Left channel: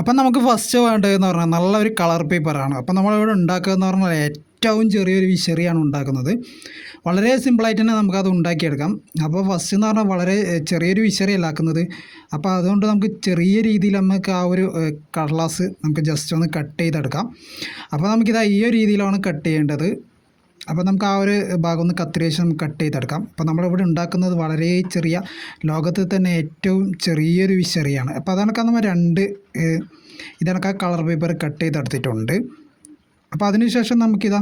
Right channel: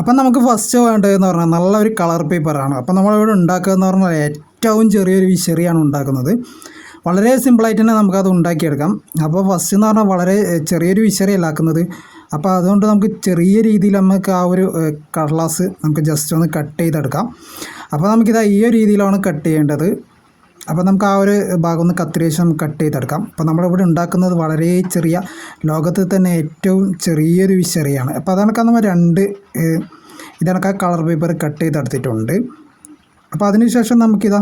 അപ്പം നമുക്ക് ഫസ്റ്റ് വേണ്ടതെന്ന് പറഞ്ഞാൽ നല്ലൊരു കളർ പേപ്പറാണ് അപ്പം നമ്മളിവിടെ ഉണ്ടാക്കുക എന്ന് പറഞ്ഞാൽ ഏറ്റവും ചെറിയൊരു വിശറിയാണ് ഉണ്ടാക്കുന്നത്. വളരെ സിമ്പിളായിട്ട് തന്നെ നമുക്കത് ഉണ്ടാക്കിയെടുക്കാം. അപ്പോൾ ഫസ്റ്റ് എന്ന് പറഞ്ഞാൽ വളരെ ചെറിയൊരു വിശറിയല്ല ആക്കുന്നത്. അപ്പോൾ അതുകൊണ്ട് നമുക്ക് ചെറിയ രീതിയിൽ നമുക്ക് ആ ഒരു കടലാസ് നമുക്ക് ജസ്റ്റ് ഒന്ന് കട്ട് ചെയ്തെടുക്കാം. അപ്പോൾ നമുക്കിത് ഈ ഒരു രീതിയിലാണ് കട്ട് ചെയ്യേണ്ടത്. അപ്പോൾ നമുക്ക് ആ ഒരു ഭാഗം ഒന്ന് കത്തിരേശം നമുക്ക് കട്ട് ചെയ്തെടുക്കാം. അപ്പോൾ നമ്മളിവിടെ ഉണ്ടാക്കുന്നത് വളരെ ചെറിയ ലോകത്തിൽ തന്നെ ഏറ്റവും ചെറിയൊരു വിശറിയാണ്. അപ്പോൾ അതണക്കാൻ നമ്മൾ രണ്ട് ഇതണക്ക് ആ കളർ പേപ്പർ കട്ട് ചെയ്തെടുത്തിട്ടുണ്ട്. അപ്പോൾ അതിനുശേഷം നമുക്കിതാ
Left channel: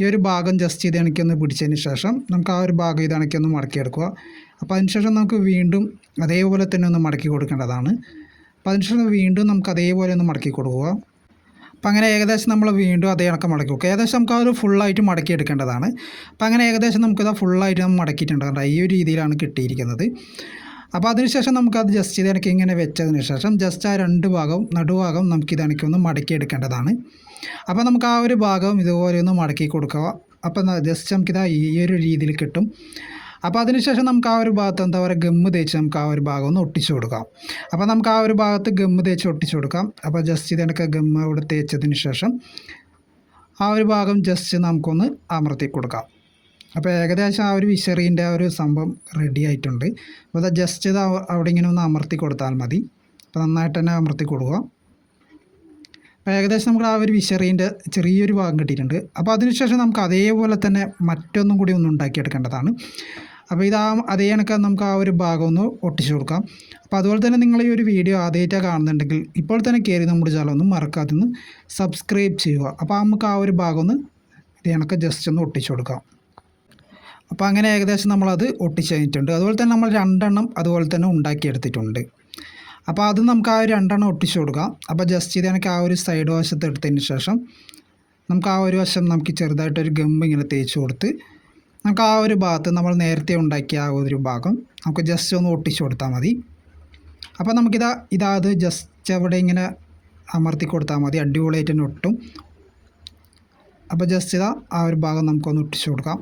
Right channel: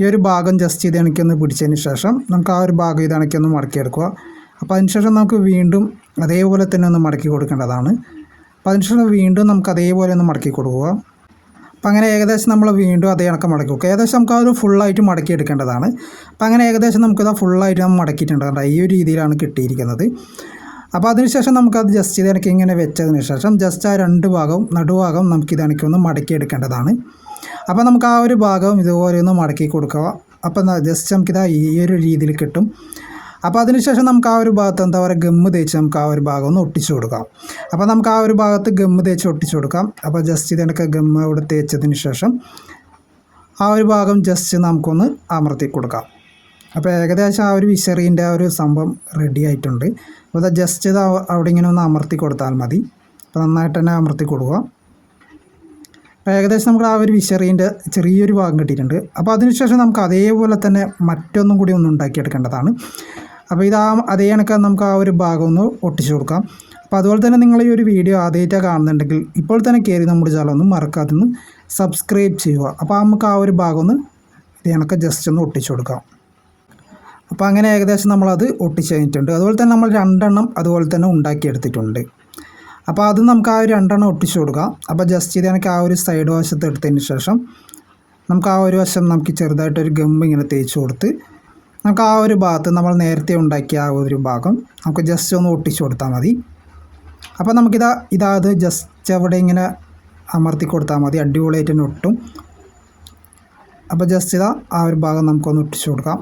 ഈ ഒരു ഭാഗം ജസ്റ്റ് ഇത് ഇണക്കിയൊന്ന് പിടിച്ചതിന് ശേഷം നമുക്ക് ആ ഒരു ഭാഗം ഇത് മടക്കി മടക്കിയെടുക്കുക അപ്പോൾ അതിനുശേഷം നമുക്ക് വീണ്ടും അതേപോലെ തന്നെ ഒന്ന് മടക്കി കൊടുക്കേണ്ടതാണ്. അപ്പോൾ അതിനുശേഷം വീണ്ടും നമുക്ക് അതേപോലെ ഒന്ന് മടക്കി കൊടുക്കുക. അപ്പോൾ അങ്ങനെ ഏകദേശം നമ്മൾ വീണ്ടും അതേ കണക്ക് മടക്കി വെക്കുക ഏകദേശം നമുക്ക് അത് ഫുള്ളായിട്ട് മടക്കി എടുക്കേണ്ടതാണ് അപ്പോൾ അങ്ങനെ ഏകദേശം നമുക്കത് ഫുള്ളായിട്ട് നമ്മൾ മടക്കിയിട്ടുണ്ട് ഈ ഒരു രീതിയിലാണ് കിട്ടിയിരിക്കുന്നത്. അപ്പോൾ അതിനുശേഷം നമുക്കത് ജസ്റ്റ് ഇത് ഇങ്ങനെ വെച്ചതിന് ശേഷം ജസ്റ്റ് ആ രണ്ട് ഭാഗവും നടുഭാഗം നമുക്കിത് എനിക്ക് ഒന്ന് മടക്കി എടുക്കേണ്ടതാണ് അപ്പോൾ നമുക്ക് ആ ഒരു ഭാഗവും ഇതുപോലെ ഒന്ന് മടക്കി കൊടുക്കുക. അപ്പോൾ ജസ്റ്റ് നമുക്കിത് ഈ ഒരു രീതിയിൽ കിട്ടും. അപ്പോൾ അതിനുശേഷം നമുക്ക് ആ ഒരു ഭാഗത്ത് എന്താ പറയുക ഗമ്മ് തേച്ച് നമുക്ക് ആ ഒരു ഭാഗം ഒന്ന് ഒട്ടിച്ചു കൊടുക്കാം. അപ്പോൾ നമുക്ക് ആ ഒരു ഭാഗത്ത് ഗമ്മ് തേച്ച് ഒട്ടിച്ചു കൊടുക്കാം. അപ്പോൾ ജസ്റ്റ് ഇതിനൊക്കെ ഗമ്മ് ഇവിടെ തേച്ചതിന് ശേഷം ആ ഒരു ഭാഗം ജസ്റ്റ് നമുക്കൊന്ന് അമർത്തി കൊടുക്കാം. അപ്പോൾ ഏകദേശം ആ ഒരു വിശറീന്റെ ആ ഒരു സംഭവം റെഡി ആയിട്ടുണ്ട്. അപ്പോൾ അത് ജസ്റ്റ് ഇത് അവിടെ ഇങ്ങനെ ഒന്ന് അമർത്തി കൊടുത്താൽ മതി. അപ്പോൾ നന്നായിട്ട് തന്നെ അമർത്തി കൊടുക്കുക. അപ്പോൾ ഏകദേശം നമുക്ക് ആ ഒരു വിശറീന്റെ ചെറിയൊരു ഭാഗം കിട്ടിയിട്ടുണ്ട്. അപ്പോൾ അതിനുശേഷം നമുക്ക് അതേപോലെ തന്നെ മറ്റൊന്നും കൂടി ഒന്ന് ഉണ്ടാക്കിയെടുക്കേണ്ടതാണ്. അപ്പോൾ ഇത് ആ അതേ കണക്ക് നമുക്ക് ആ ഒരു ഭാഗം ഒന്ന് ഒട്ടിച്ചു കൊടുക്കാം. അപ്പോൾ അതുപോലെ തന്നെ നിങ്ങൾ ഈ ഒരു വീഡിയോ ആദ്യമായിട്ടാണ് കാണുന്നുണ്ടെങ്കിൽ ഇപ്പോൾ തന്നെ കയറി നമ്മുടെ ചാനൽ ഒന്ന് മറക്കാതെ ഒന്ന് സബ്സ്ക്രൈബ് ചെയ്യുക. അപ്പോൾ നമുക്ക് ആ ഒരു ഭാഗം ഒന്ന് ഇത് കണക്ക് ജസ്റ്റ് ഒന്ന് ഒട്ടിച്ചു കൊടുക്കാം. അപ്പോൾ അങ്ങനെ ഏകദേശം നമ്മളത് ഒട്ടിച്ച് കഴിഞ്ഞിട്ടുണ്ട്. അതുപോലെ തന്നെ നമ്മൾ രണ്ടെണ്ണം അതുപോലെ തന്നെ ഉണ്ടാക്കിയെടുത്തിട്ടുണ്ട് അപ്പോൾ അത് നമുക്ക് ആ ഒരു രണ്ടെണ്ണം ഒട്ടിച്ചു കൊടുക്കാം. അപ്പോൾ ജസ്റ്റ് ഇത് എനിക്ക് ആ ഒരു സൈഡ് വശത്ത് എടുത്തതിന് ശേഷം നമുക്ക് ആ ഒരു വശം നമുക്ക് ചെറുതായിട്ടൊരു ഗം ഇങ്ങനെ തേച്ച് കൊടുത്ത് നമുക്ക് ആ ഒരു ഭാഗത്ത് നമ്മൾ നേരത്തെ ഉണ്ടാക്കിയ ആ ഒരു ഭാഗം നമുക്ക് ജസ്റ്റ് ഒന്ന് ഒട്ടിച്ചു കൊടുത്താൽ മതി. അപ്പോൾ നമുക്കിതാ ഇതാത് ജസ്റ്റ് അവിടെ ഇങ്ങനെ അമർത്തി കൊടുത്താൽ മതി. അടിപൊളിയായിട്ട് തന്നെ ഒട്ടും. അപ്പോൾ ജസ്റ്റ് ഇതാ ആ ഒരു ഭാഗം നമുക്കൊന്ന് ഒട്ടിച്ചു കൊടുക്കാം.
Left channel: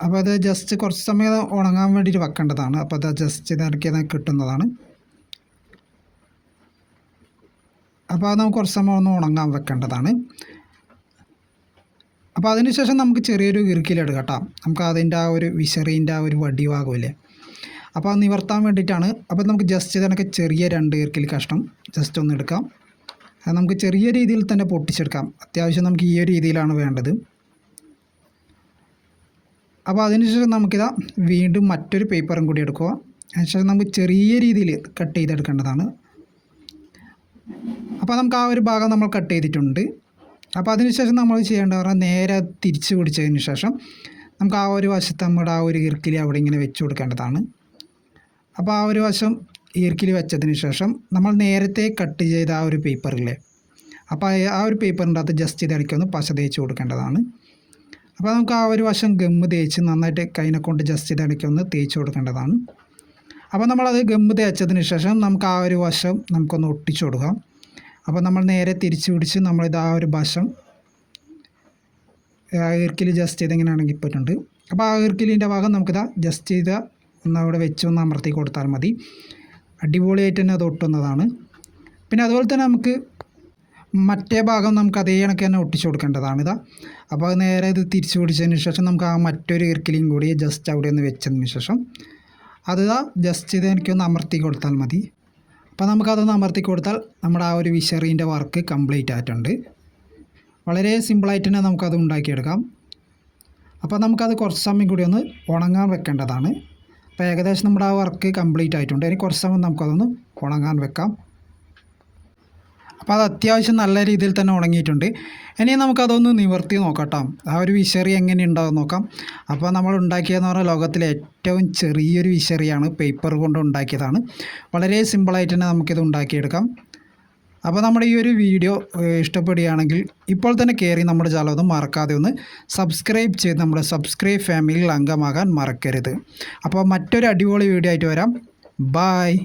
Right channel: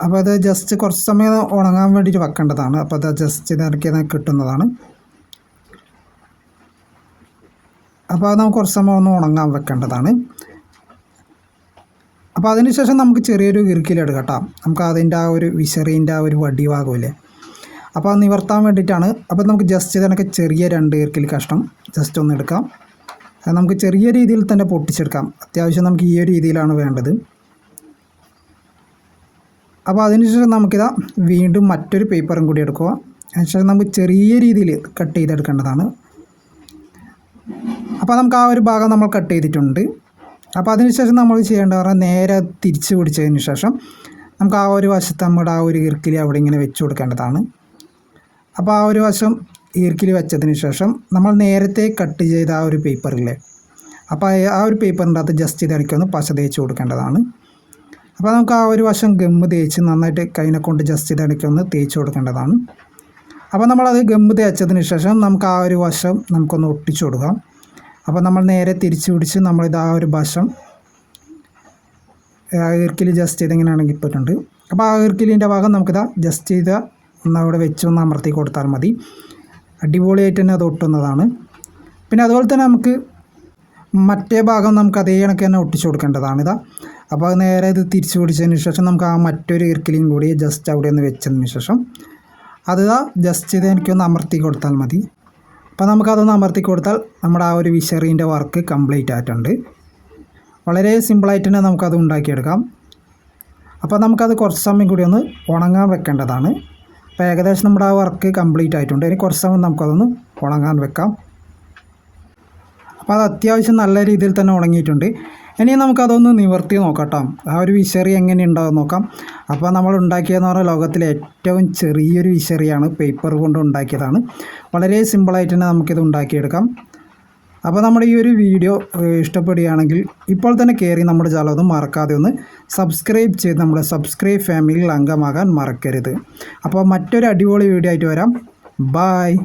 അപ്പോൾ അത് ജസ്റ്റ് കുറച്ച് സമയം ഉണങ്ങാൻ വേണ്ടിയിട്ട് വെക്കേണ്ടതാണ്. അപ്പോൾ അത് ജസ്റ്റ് ഇതിറക്കി കിട്ടുന്നതാണ്. അപ്പോൾ അത് നമുക്ക് കുറച്ച് സമയം ഒന്ന് ഉണങ്ങാൻ വെക്കേണ്ടതാണ്. അപ്പോൾ അതിനുശേഷം നമുക്ക് ചെറിയൊരു ഇറുക്കിലെടുക്കാം കേട്ടോ. നമുക്ക് അതിന്റെ ആ ഒരു വിശറീന്റെ ആ ഒരു വടി ഭാഗമില്ലേ അപ്പോൾ അത് നിവർത്താൻ വേണ്ടിയിട്ടാണ്. അപ്പോൾ നമുക്ക് ജസ്റ്റ് ഇതിനൊക്കെ ചെറിയ രണ്ട് ഇറുക്കിൽ കഷ്ണം ജസ്റ്റ് ഒന്ന് എടുക്കാം. നമുക്ക് ചെറിയ രീതിയിൽ തന്നെ പൊട്ടിച്ചെടുക്കാം. അത്യാവശ്യം നമുക്ക് ഈ ഒരു രീതിയിലാണ് വേണ്ടത്. അപ്പോൾ അതിനുശേഷം നമുക്കിതാ വീണ്ടും മറ്റൊരു പേപ്പറും കൂടി എടുക്കുക. അതിനുശേഷം നമുക്ക് ചെറിയ രീതിയിൽ കട്ട് ചെയ്തെടുക്കേണ്ടതാണ്. അപ്പോൾ നമുക്ക് ആ ഒരു ഭാഗം നമ്മൾ കട്ട് ചെയ്തിട്ടുണ്ട്. അപ്പോൾ അതിനുശേഷം നമ്മൾ ചെയ്യേണ്ടത് പറഞ്ഞാൽ നേരെ തിരിച്ച് പിടിച്ചതിന് ശേഷം നമുക്ക് ആ ഒരു വശത്ത് നമ്മുടെ ആ ഒരു ഈർക്കിലി അവിടെ ഇങ്ങനെ വെച്ച് കൊടുക്കേണ്ടതാണ്. അപ്പോൾ ആ ഒരു വശം ഈർക്കിലി വെച്ചതിന് ശേഷം നമ്മൾ നേരത്തെ കട്ട് ചെയ്ത ആ ഒരു പേപ്പറില്ലേ അപ്പോൾ ആ- ഒരു പേപ്പറിന്റെ അകത്ത് ജസ്റ്റ് ഇതടിക്കൊന്ന് പശ തേച്ച് കൊടുക്കേണ്ടതാണ്. അപ്പോൾ നമുക്ക് ആ ഒരു വശം ഗമ്മ് തേച്ച് നന്നായിട്ട് കൈനെ കൊണ്ട് ജസ്റ്റ് ഇതടയ്ക്ക് ഒന്ന് തേച്ച് കൊടുക്കേണ്ടതാണ്. അപ്പോൾ നമ്മളത് ഗമ്മ് തേച്ചതിന് ശേഷം നമുക്ക് ആ ഒരു വശം നമുക്കൊന്ന് ഒട്ടിച്ചു കൊടുക്കാം. അപ്പോൾ നമ്മൾ നേരെ തിരിച്ചു പിടിച്ച് നമ്മളിത് ആ ഒരു വശം. ആ ജസ്റ്റ് എങ്ങനെയാണെങ്കിൽ ഇപ്പോഴുണ്ട് അപ്പോൾ ആ ഈർക്കിലിന്റെ ഭാഗം നമുക്കിതാ ജസ്റ്റ് ചെയ്ത ഒന്ന് അവിടെ വെച്ച് ഒന്ന് അമർത്തി കൊടുത്താൽ മതി. അടിപൊളിയായിട്ട് തന്നെ അത് ഒട്ടുന്നതാണ്. പിന്നെ അതുപോലെ തന്നെ നമുക്ക് മറ്റേ ഭാഗം നമുക്ക് അതേ കണക്ക് തന്നെ ഒട്ടിച്ചു കൊടുക്കേണ്ടതാണ് ഇതാ. അപ്പോൾ നേരെ ഇത് തിരിച്ചു പിടിച്ചതിന് ശേഷം നമുക്ക് ആ മറ്റൊരു ഇർക്കിലിയും കൂടി ജസ്റ്റ് അവിടെ ഒന്ന് വെച്ചതിന് ശേഷം. അത് ജസ്റ്റ് ഇത് എനിക്കൊന്ന് അമർത്തി കൊടുത്താൽ മതി. അപ്പോൾ നമുക്കതൊന്ന് അമർത്തി കൊടുത്താൽ നമ്മുടെ ആ ഒരു വിഷറീന്റെ വർക്ക് കംപ്ലീറ്റ് ആയിട്ടുണ്ട്. വളരെ സിമ്പിളായിട്ട് തന്നെ നമുക്കത് ഉണ്ടാക്കിയെടുക്കാം. അപ്പോൾ നമുക്കത് കുറച്ച് സമയം കൂടി ഒന്ന് ഉണങ്ങാൻ വെക്കേണ്ടതാണ്. അപ്പോൾ ഏകദേശം നമ്മുടെ ആ വർക്ക് കംപ്ലീറ്റ് ആയിട്ടുണ്ട്. ഇനി കുറച്ച് സമയം നമുക്കതൊന്ന് ഉണങ്ങാൻ വെക്കാം. അപ്പോൾ അത് അത്യാവശ്യം നല്ല രീതിയിൽ തന്നെ ഉണങ്ങിയിട്ടുണ്ട്. ഇനി നമുക്കതൊന്ന് നിവർത്തി നോക്കാം ആ ഒരു വിശറി എങ്ങനെ ഉണ്ടാവും നോക്കാം. അപ്പോൾ നമ്മൾ ഉണ്ടാക്കിയതെന്ന് പറഞ്ഞാൽ ലോകത്തിലെ ഏറ്റവും ചെറിയൊരു വിശറിയാണ് പേപ്പർ കൊണ്ട് ഉണ്ടാക്കിയതാണ്. വളരെ സിമ്പിളായിട്ട് തന്നെ നമുക്കിത് ഉണ്ടാക്കിയെടുക്കാം. അപ്പോൾ നമ്മുടെ ഈ ഒരു വീഡിയോ ഇഷ്ടപ്പെടുകയാണെങ്കിൽ ഇപ്പോൾ തന്നെ കയറി നമ്മുടെ ചാനൽ ഒന്ന് മറക്കാതെ ഒന്ന് സബ്സ്ക്രൈബ് ചെയ്ത് നമ്മുടെ സബ്സ്ക്രൈബ് ഫാമിലിയിൽ അംഗമാകാൻ മറക്കരുത്. അപ്പോൾ മറ്റൊരു അടിപൊളി വീഡിയോ ആയിട്ട് വരാം. ബായ്